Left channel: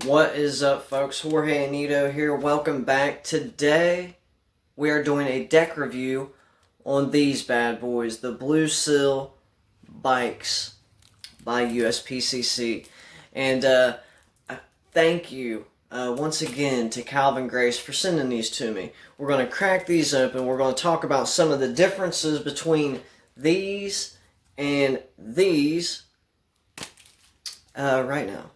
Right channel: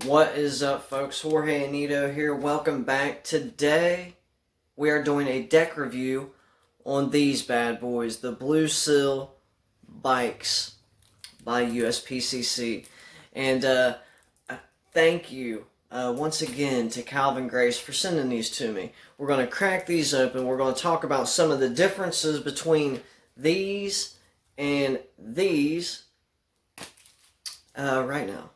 What is up, folks? Jorge Anito here. Welcome back. Today, we are doing a deck review on these bad boys, the Blue Seal bikes by USPCC. And thank you once again to Calvin Grace for sending these to me. We're going to crack these open. We're going to talk about some of the differences between these and these right now.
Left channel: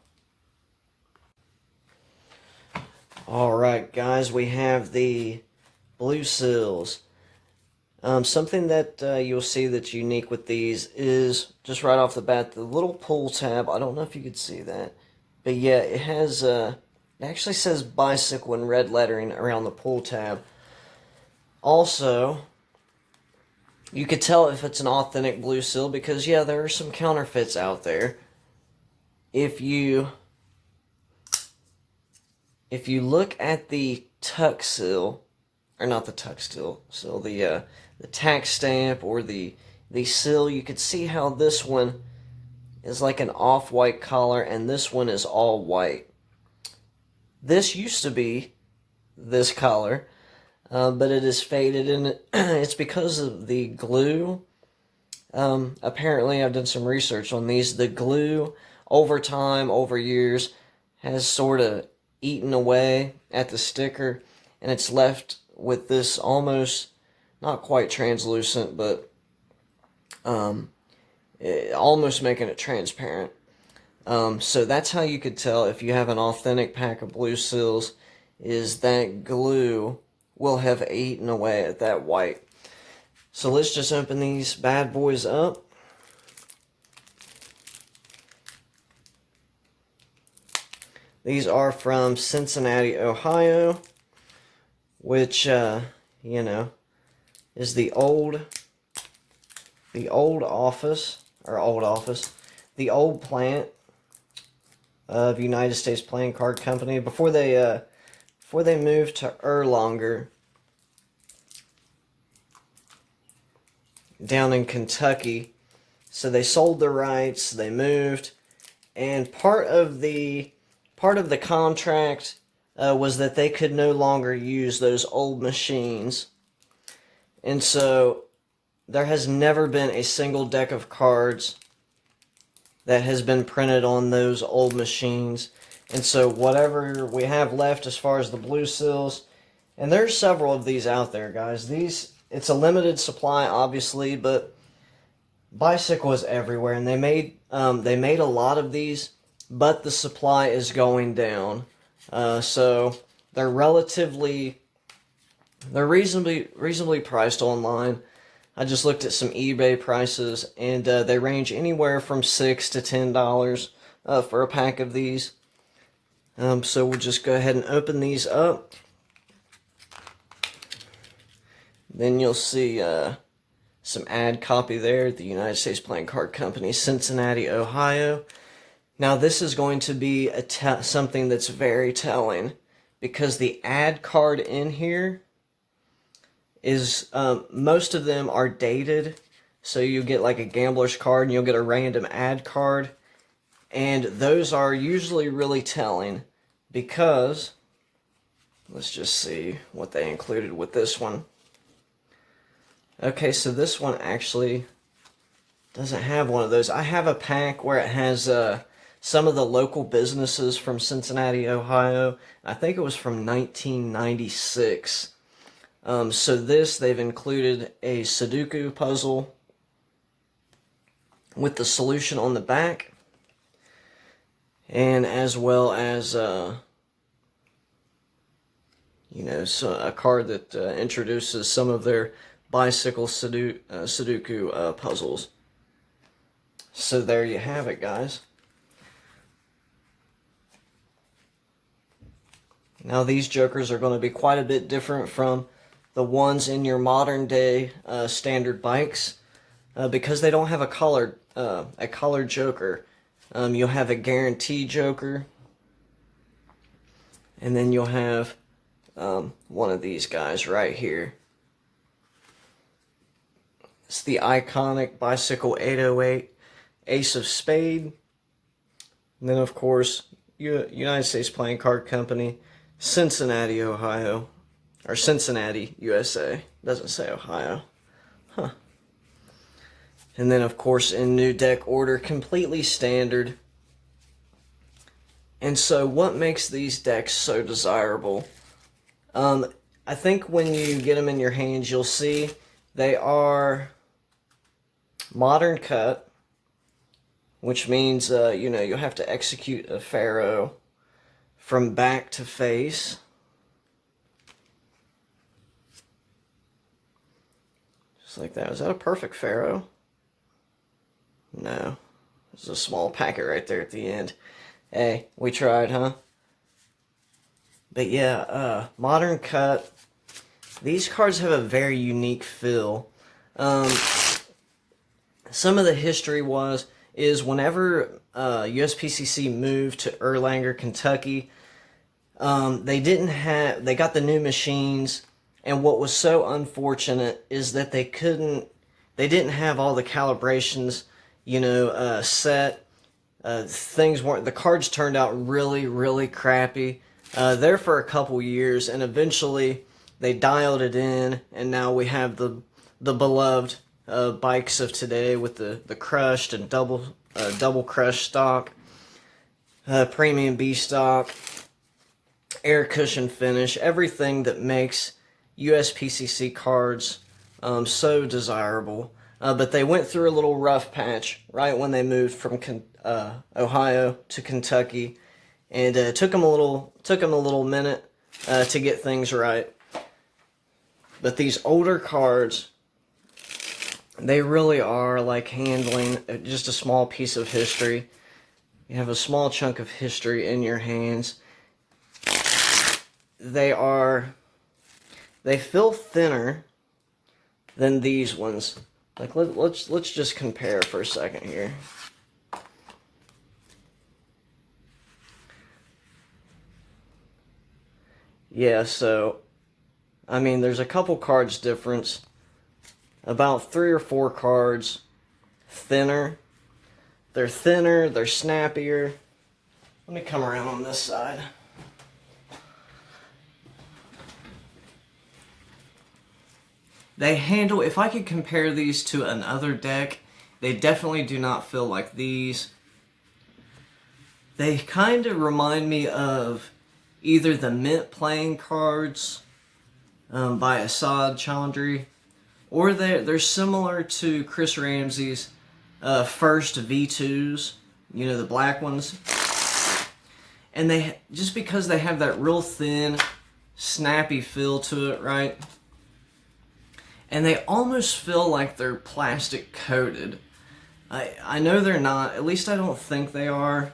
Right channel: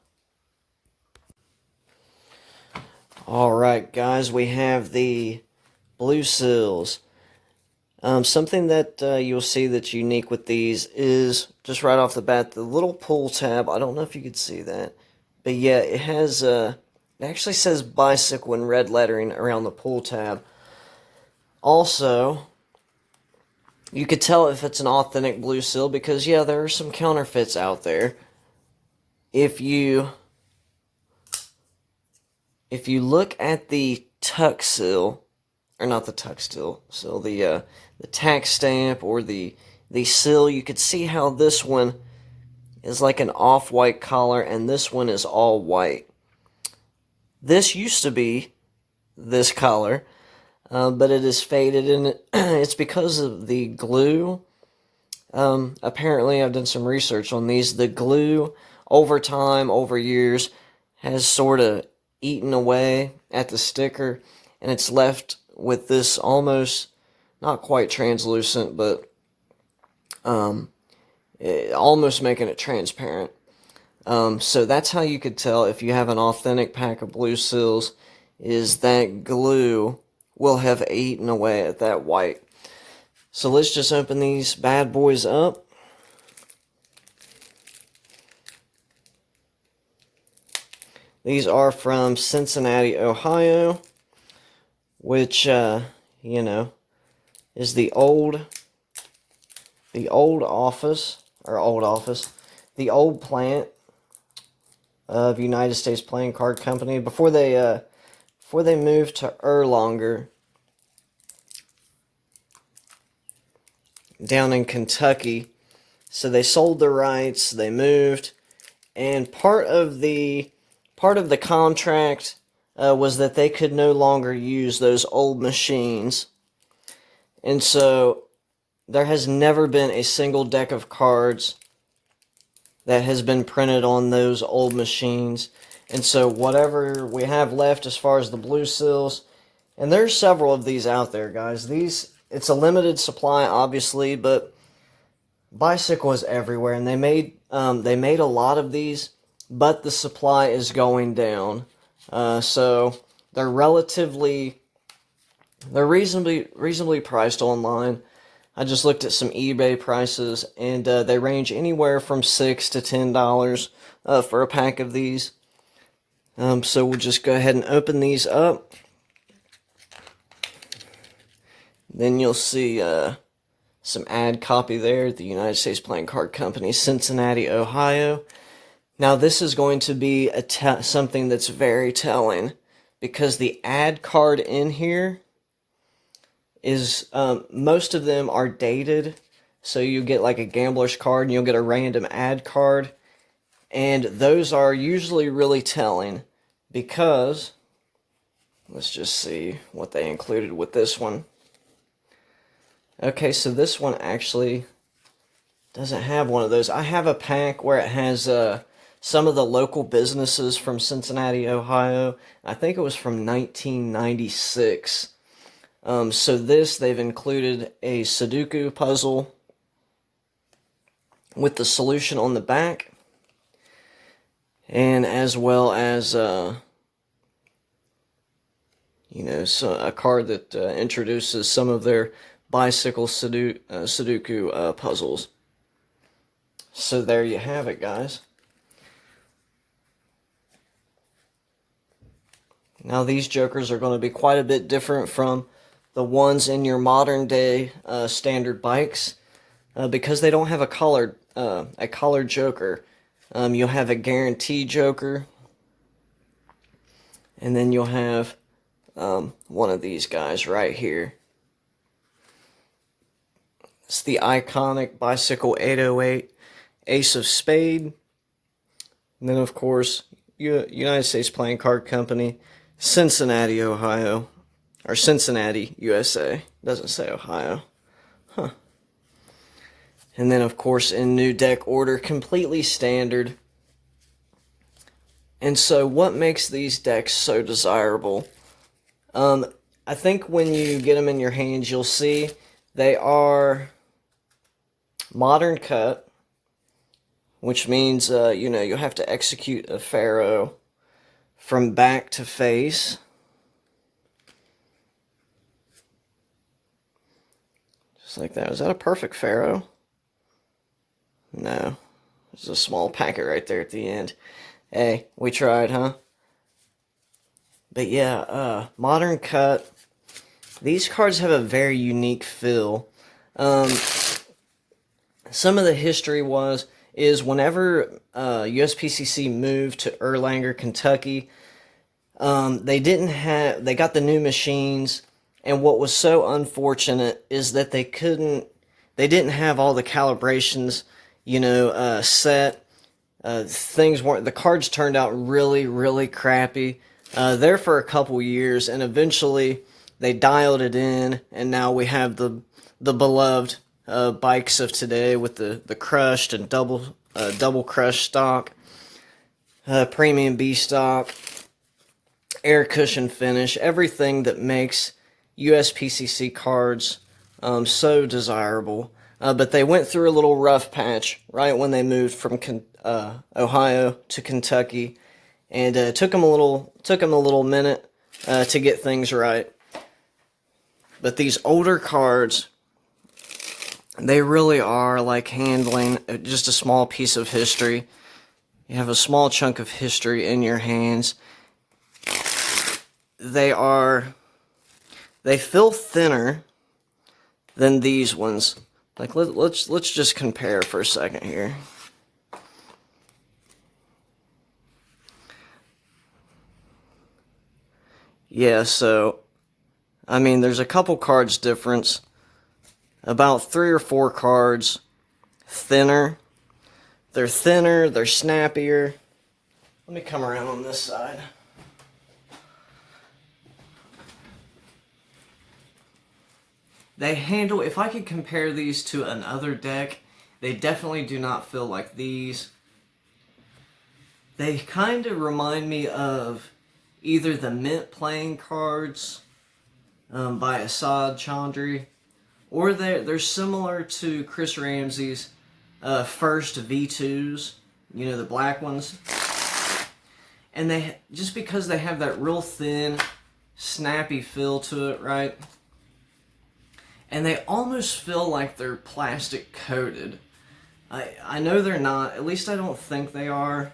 Alright guys, we have the Blue Seals. Something that you'll see that's unique with these is, just right off the bat, the little pull tab. I don't know if you could see that. But yeah, it has, it actually says bicycle in red lettering around the pull tab. Also, you could tell if it's an authentic Blue Seal because, yeah, there are some counterfeits out there. If you look at the tuck seal, or not the tuck seal, so the tax stamp or the seal, you could see how this one is like an off-white collar and this one is all white. This used to be this color, but it is faded, and it's because of the glue. Apparently, I've done some research on these. The glue, over time, over years, has sort of eaten away at the sticker, and it's left with this almost, not quite translucent, but almost making it transparent. So that's how you could tell if you have an authentic pack of Blue Seals, is that glue will have eaten away at that white. So let's just open these bad boys up. These are from Cincinnati, Ohio, which, you know, is the old plant of United States Playing Card Company before they moved to Erlanger down in Kentucky. So they sold the rights, they moved, and part of the contract was that they could no longer use those old machines. And so there has never been a single deck of cards that has been printed on those old machines. And so whatever we have left as far as the Blue Seals, and there's several of these out there, guys. It's a limited supply, obviously, but Bicycle is everywhere, and they made a lot of these, but the supply is going down. So they're reasonably priced online. I just looked at some eBay prices, and they range anywhere from $6 to $10 for a pack of these. So we'll just go ahead and open these up. Then you'll see some ad copy there, the United States Playing Card Company, Cincinnati, Ohio. Now this is going to be something that's very telling, because the ad card in here is, most of them are dated. So you get like a gambler's card and you'll get a random ad card. And those are usually really telling because, let's just see what they included with this one. Okay, so this one actually doesn't have one of those. I have a pack where it has some of the local businesses from Cincinnati, Ohio. I think it was from 1996. So they've included a Sudoku puzzle with the solution on the back, and as well as so a card that introduces some of their bicycle Sudoku puzzles. So there you have it, guys. Now these jokers are going to be quite a bit different from the ones in your modern day standard bikes, because they don't have a colored joker. You'll have a guarantee joker, and then you'll have one of these guys right here. It's the iconic Bicycle 808 Ace of Spade. And then, of course, United States Playing Card Company, Cincinnati, Ohio. Or Cincinnati, USA. Doesn't say Ohio. Huh. And then, of course, in new deck order, completely standard. And so, what makes these decks so desirable? I think when you get them in your hands, you'll see they are modern cut, which means, you'll have to execute a pharaoh from back to face. Just like that. Is that a perfect pharaoh? No. There's a small packet right there at the end. Hey, we tried, huh? But yeah, modern cut. These cards have a very unique feel. Some of the history is whenever USPCC moved to Erlanger, Kentucky, they got the new machines, and what was so unfortunate is that they didn't have all the calibrations, set. The cards turned out really, really crappy there for a couple years, and eventually they dialed it in, and now we have the beloved bikes of today with the crushed and double crushed stock, premium B stock, air cushion finish, everything that makes USPCC cards so desirable. But they went through a little rough patch right when they moved from Ohio to Kentucky, and took them a little minute to get things right. But these older cards, they really are like handling just a small piece of history. You have a small chunk of history in your hands. They feel thinner than these ones. Like let's just compare for a second here. Yeah, so I mean, there's a couple cards difference. About 3 or 4 cards thinner. They're thinner, they're snappier. Let me come around on this side. If I could compare these to another deck, they definitely do not feel like these. They kind of remind me of either the Mint playing cards by Assad Chandri, or they're similar to Chris Ramsey's first V2s, the black ones. And just because they have that real thin, snappy feel to it, right? And they almost feel like they're plastic coated. I know they're not, at least I don't think they are.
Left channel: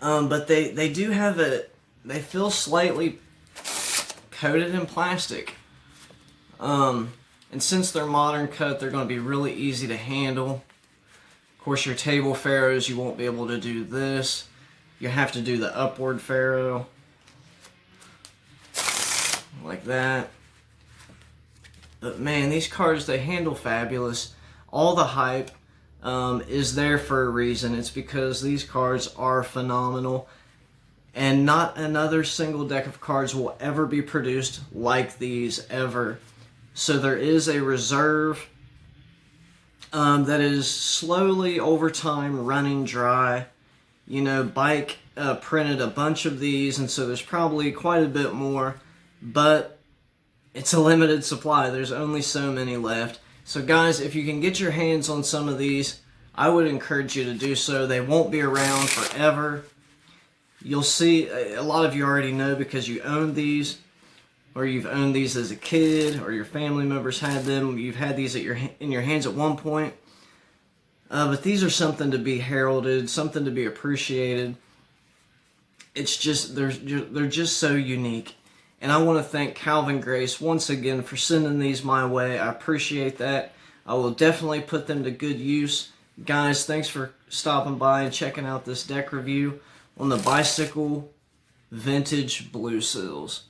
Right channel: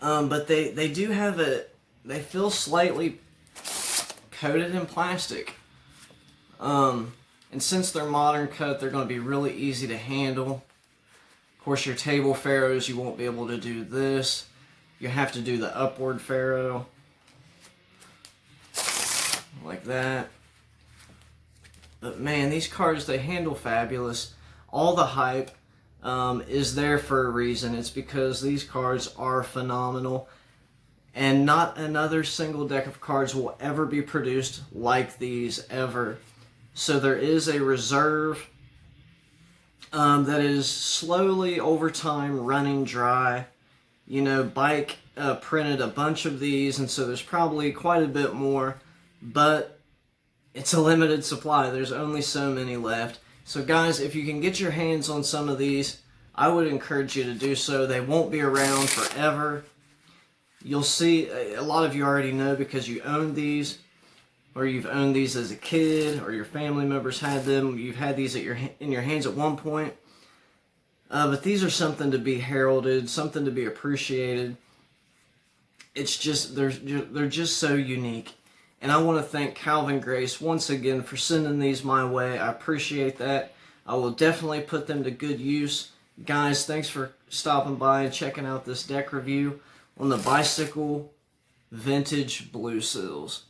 But they do have they feel slightly coated in plastic. And since they're modern cut, they're going to be really easy to handle. Of course, your table pharaohs, you won't be able to do this. You have to do the upward pharaoh. Like that. But man, these cards, they handle fabulous. All the hype is there for a reason. It's because these cards are phenomenal. And not another single deck of cards will ever be produced like these, ever. So there is a reserve that is slowly, over time, running dry. Bike printed a bunch of these, and so there's probably quite a bit more. But it's a limited supply. There's only so many left. So guys, if you can get your hands on some of these, I would encourage you to do so. They won't be around forever. You'll see, a lot of you already know because you own these, or you've owned these as a kid, or your family members had them. You've had these in your hands at one point. But these are something to be heralded, something to be appreciated. It's just, they're just so unique. And I want to thank Calvin Grace once again for sending these my way. I appreciate that. I will definitely put them to good use. Guys, thanks for stopping by and checking out this deck review on the Bicycle Vintage Blue Seals.